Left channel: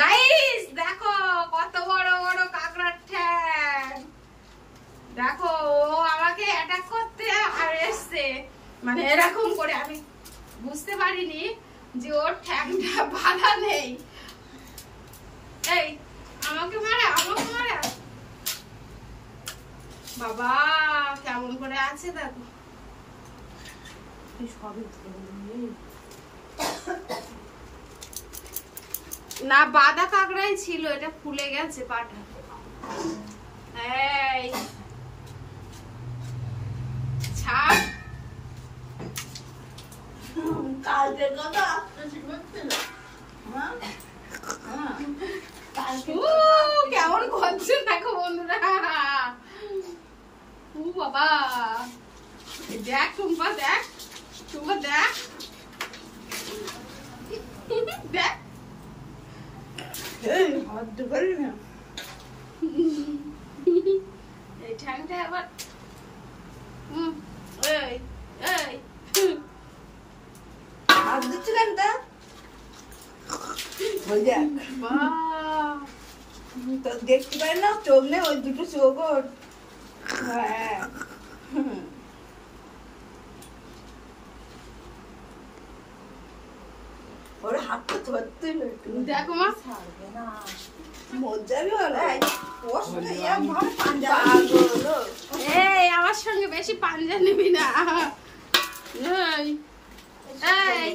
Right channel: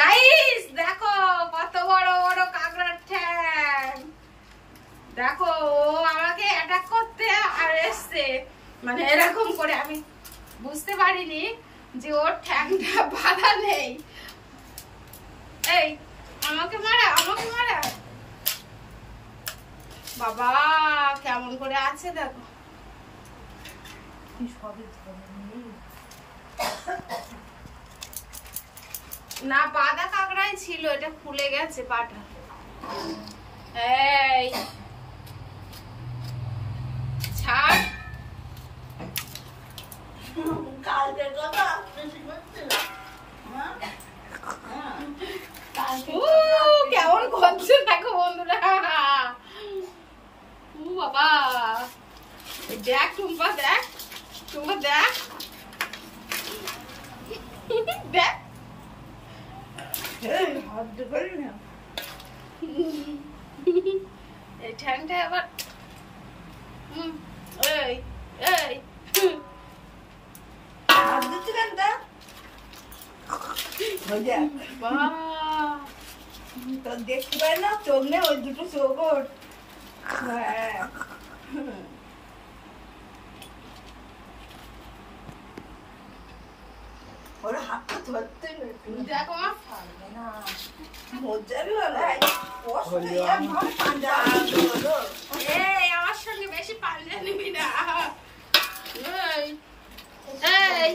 Guys দেখো কত বড় বড় কাঁকড়ার ঠ্যাং। দেখো ও আমাকে অ্যাটাক করতে আর এসছে, মানে এরকম করে। আমি বুঝতে পারিনি যে ওর ঠ্যাংটা বাঁধা নেই। এই আমাকে মারা, আমাকে মারা। বাবা কেমন করে আছে দেখো। না বাঁধা কাঁকড়াই ছিল, এটা ফুলে গেছে পাটা। এই ছাড়। কালকে কথা কেমন করছে দেখো বন্ধুরা। ও বাবা দেখ টুম্পা, দেখ টুম্পা, দেখ দেখ। এই ঠ্যাংটা আবার এই এই দেখতে পাই না, চোখ নেই, ওই দুটো চোখ ওর। ওরা হাতটা ধরতেই দেখো মা, মজাবি হলো। এই আমার সঙ্গে বেশি পাঞ্জা নিবি না। এই এই